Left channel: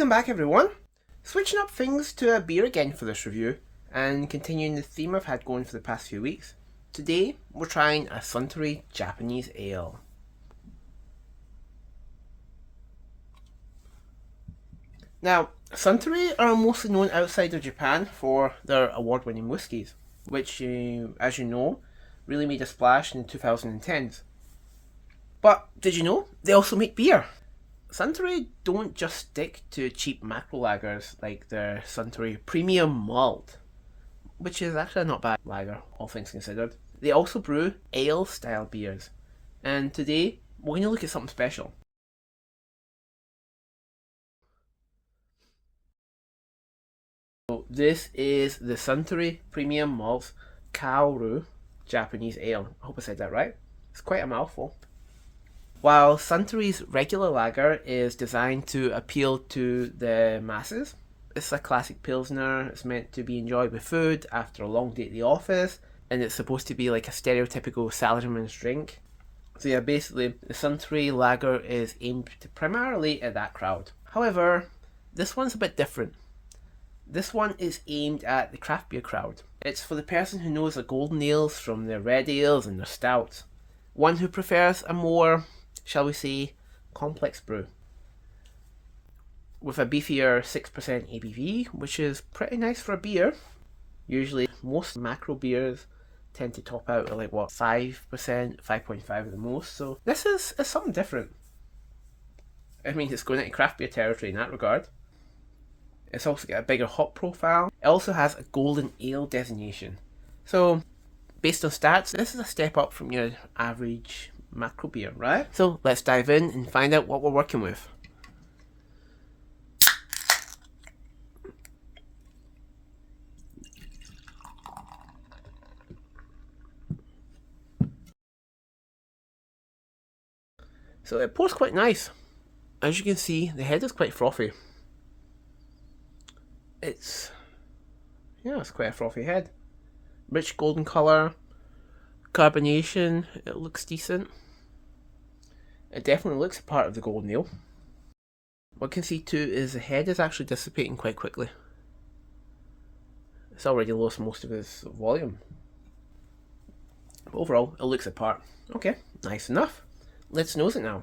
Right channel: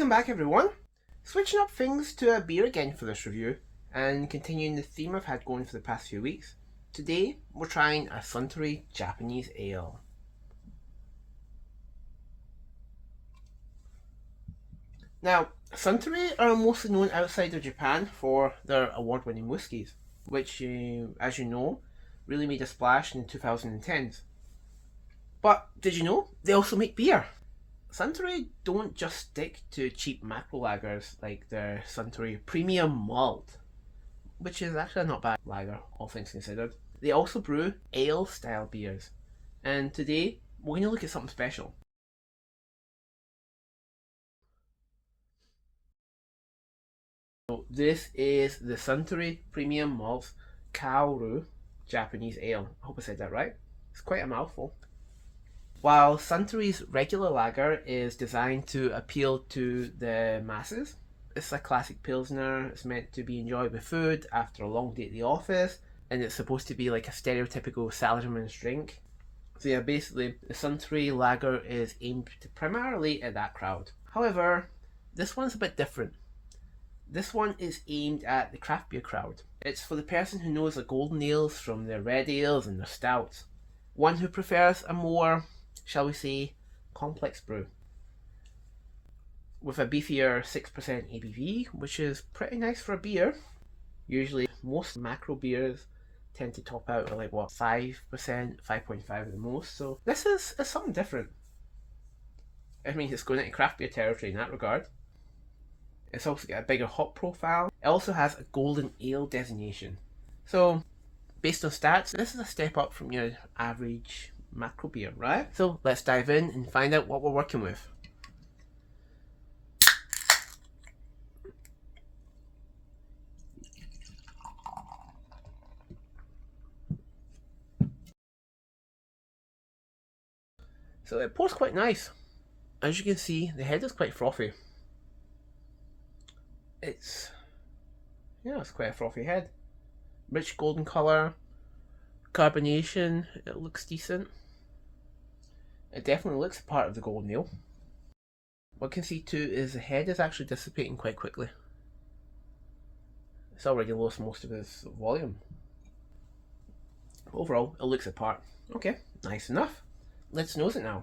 Welcome back everyone. Switching up things to a beer again for this review and continuing the theme I've had going for the past few weeks. Today we're trying a Suntory Japanese Ale. Now, Suntory are mostly known outside of Japan for their award-winning whiskies, which, as you know, really made a splash in the 2010s. But did you know they also make beer? Suntory don't just stick to cheap macro lagers like their Suntory Premium Malt, which is actually not bad lager, all things considered. They also brew ale style beers, and today we're going to look at something special. So this is the Suntory Premium Malt Kaoru Japanese Ale. I hope I said that right. It's quite a mouthful. While Suntory's regular lager is designed to appeal to the masses, it's a classic pilsner. It's meant to be enjoyed with food after a long day at the office, and it's supposed to be like a stereotypical salaryman's drink. So yeah, basically, the Suntory lager is aimed primarily at that crowd. However, this one's a bit different. This one is aimed at the craft beer crowd. It's for the person who knows the golden ales from their red ales and their stouts. One who prefers a more, shall we say, complex brew. With a beefier 6% ABV, which is pretty nice for a beer. Usually most macro beers tend to top out at like what, 5%, 5.5 at the most, so this is something different. I mean, it's going into craft beer territory in that regard. It's also got a bigger hop profile. It also has a golden ale designation. So, based on stats, this is a step up from your average macro beer, right? So let's dive in and find out what we're working with. So it pours quite nice. As you can see, the head is quite frothy. It's quite a frothy head. Rich golden colour, carbonation, it looks decent. It definitely looks a part of the golden ale. What you can see too is the head is actually dissipating quite quickly. It's already lost most of its volume. But overall, it looks apart. Okay, nice enough. Let's nose it now.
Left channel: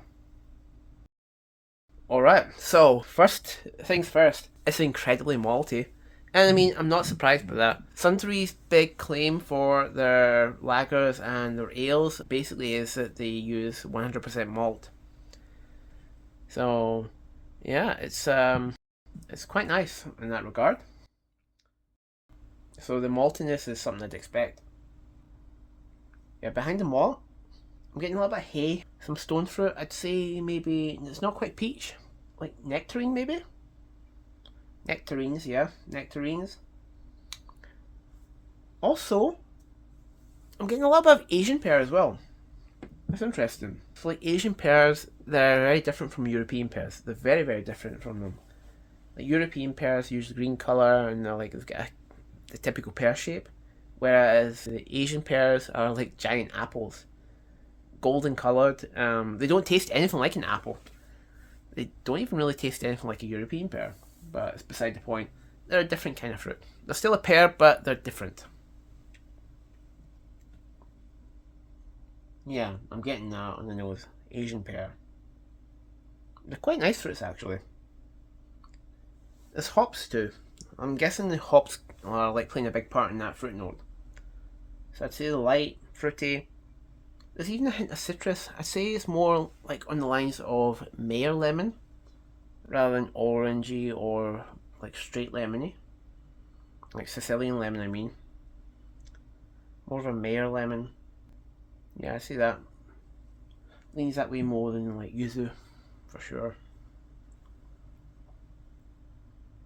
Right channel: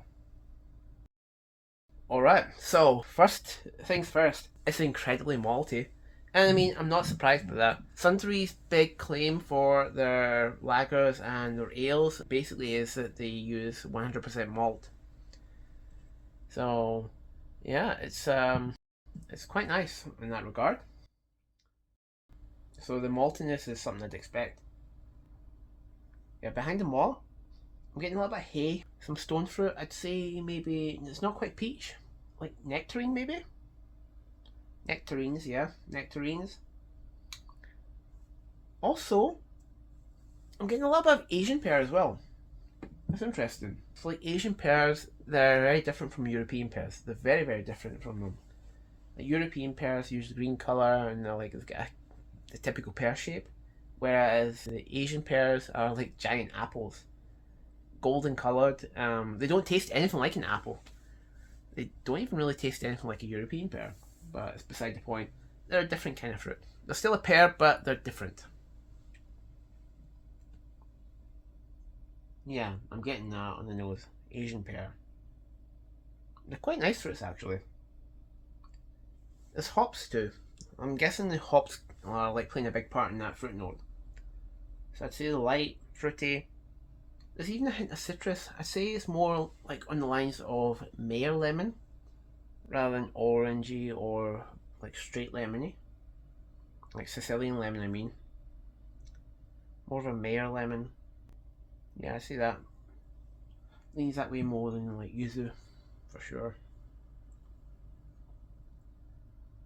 Alright, so first things first, it's incredibly malty. And I mean, I'm not surprised by that. Suntory's big claim for their lagers and their ales basically is that they use 100% malt. So, yeah, it's quite nice in that regard. So the maltiness is something I'd expect. Yeah, behind the malt, I'm getting a little bit of hay, some stone fruit. I'd say maybe it's not quite peach, like nectarine maybe. Nectarines, yeah, nectarines. Also, I'm getting a little bit of Asian pear as well. That's interesting. So like Asian pears, they're very different from European pears. They're very, very different from them. Like European pears use green colour and they're like they've got the typical pear shape, whereas the Asian pears are like giant apples, golden coloured. They don't taste anything like an apple. They don't even really taste anything like a European pear, but it's beside the point. They're a different kind of fruit. They're still a pear, but they're different. Yeah, I'm getting that on the nose. Asian pear. They're quite nice fruits actually. There's hops too. I'm guessing the hops are like playing a big part in that fruit note. So I'd say the light, fruity. There's even a hint of citrus. I'd say it's more like on the lines of Mayer lemon rather than orangey or like straight lemony. Like Sicilian lemon, I mean. More of a Mayer lemon. Yeah, I see that. Leans that way more than like yuzu, for sure.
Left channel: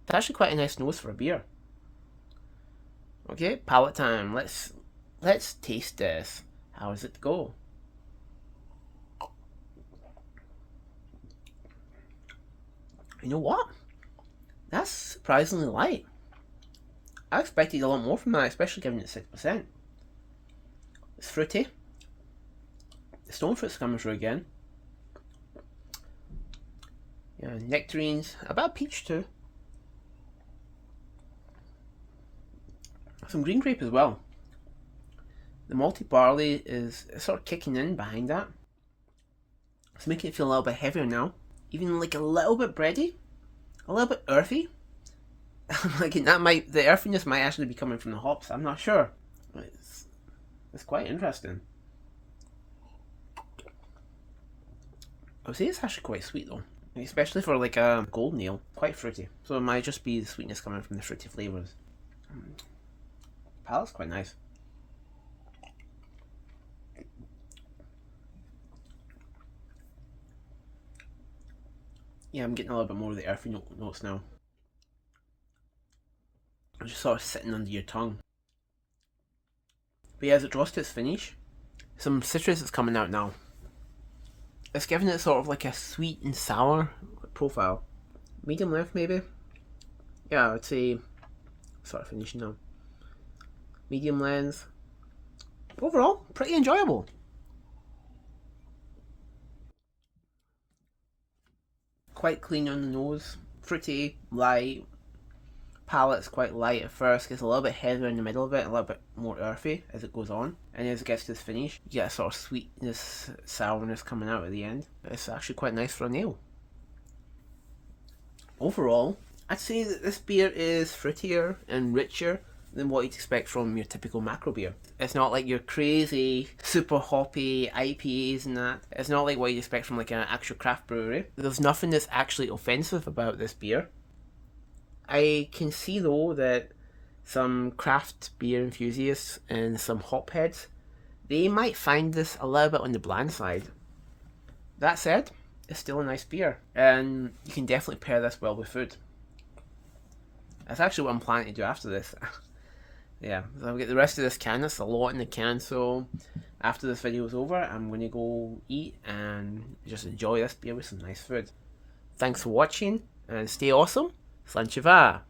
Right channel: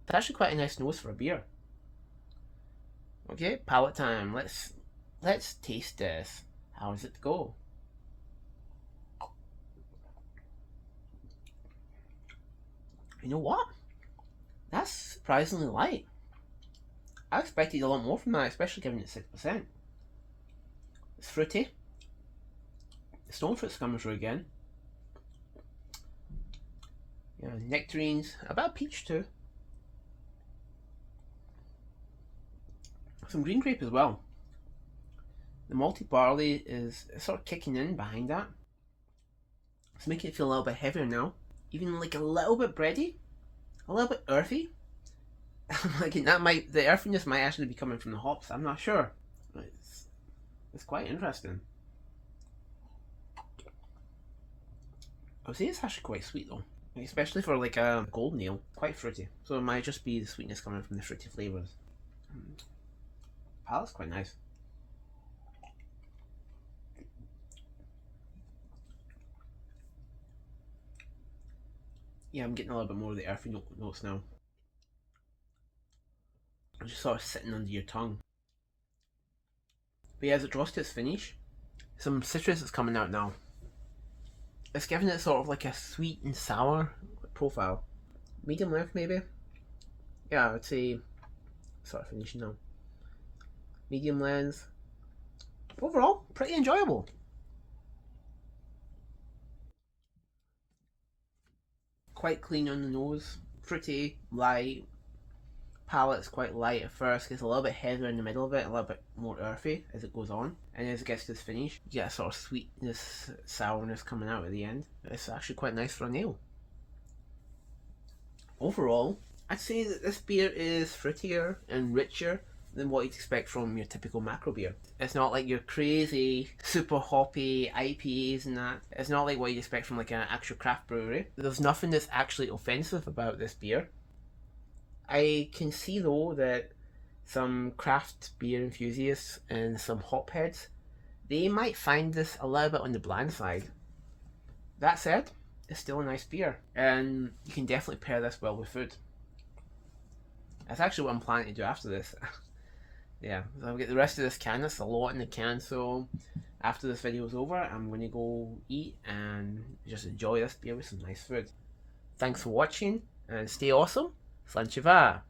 It's actually quite a nice nose for a beer. Okay, palate time. Let's taste this. How does it go? You know what? That's surprisingly light. I expected a lot more from that, especially given it's 6%. It's fruity. The stone fruit's coming through again. Yeah, nectarines, a bit of peach too. Some green grape as well. The malted barley is sort of kicking in behind that. It's making it feel a little bit heavier now. Even like a little bit bready, a little bit earthy. Like the earthiness might actually be coming from the hops. I'm not sure. It's quite interesting. I would say it's actually quite sweet though, especially for like a golden ale. Quite fruity. So it might just be the sweetness coming from the fruity flavors. Palate's quite nice. Yeah, I'm getting a little bit more of the earthy notes now. It's just sort of sitting under your tongue. But yeah, as it draws to its finish, some citrus is coming out now. It's giving it sort of like a sweet and sour profile. Medium length maybe? Yeah, I would say sort of finishing now. Medium lens. Overall, pretty enjoyable. Quite clean on the nose, fruity, light. Palate's quite light at first, gets a little bit heavier in the middle of it, a little bit more earthy as it goes on, and as it gets to the finish, you get a sort of sweetness, sourness coming out at the end. It's actually quite nice for an ale. Overall, I'd say that this beer is fruitier and richer than what you'd expect from your typical macro beer. It's not like your crazy, super hoppy IPAs and that. It's not like what you'd expect from like an actual craft brewery. There's nothing that's actually offensive about this beer. I can see though that some craft beer enthusiasts and some hopheads, they might find this a little bit on the bland side. That said, it's still a nice beer, and you can definitely pair this well with food. That's actually what I'm planning to do after this. Yeah, so I'll get the rest of this can. That's a lot in the can, so after this video is over, I'm going to go eat and just enjoy this beer with some nice food. Thanks for watching, and stay awesome. Suntory.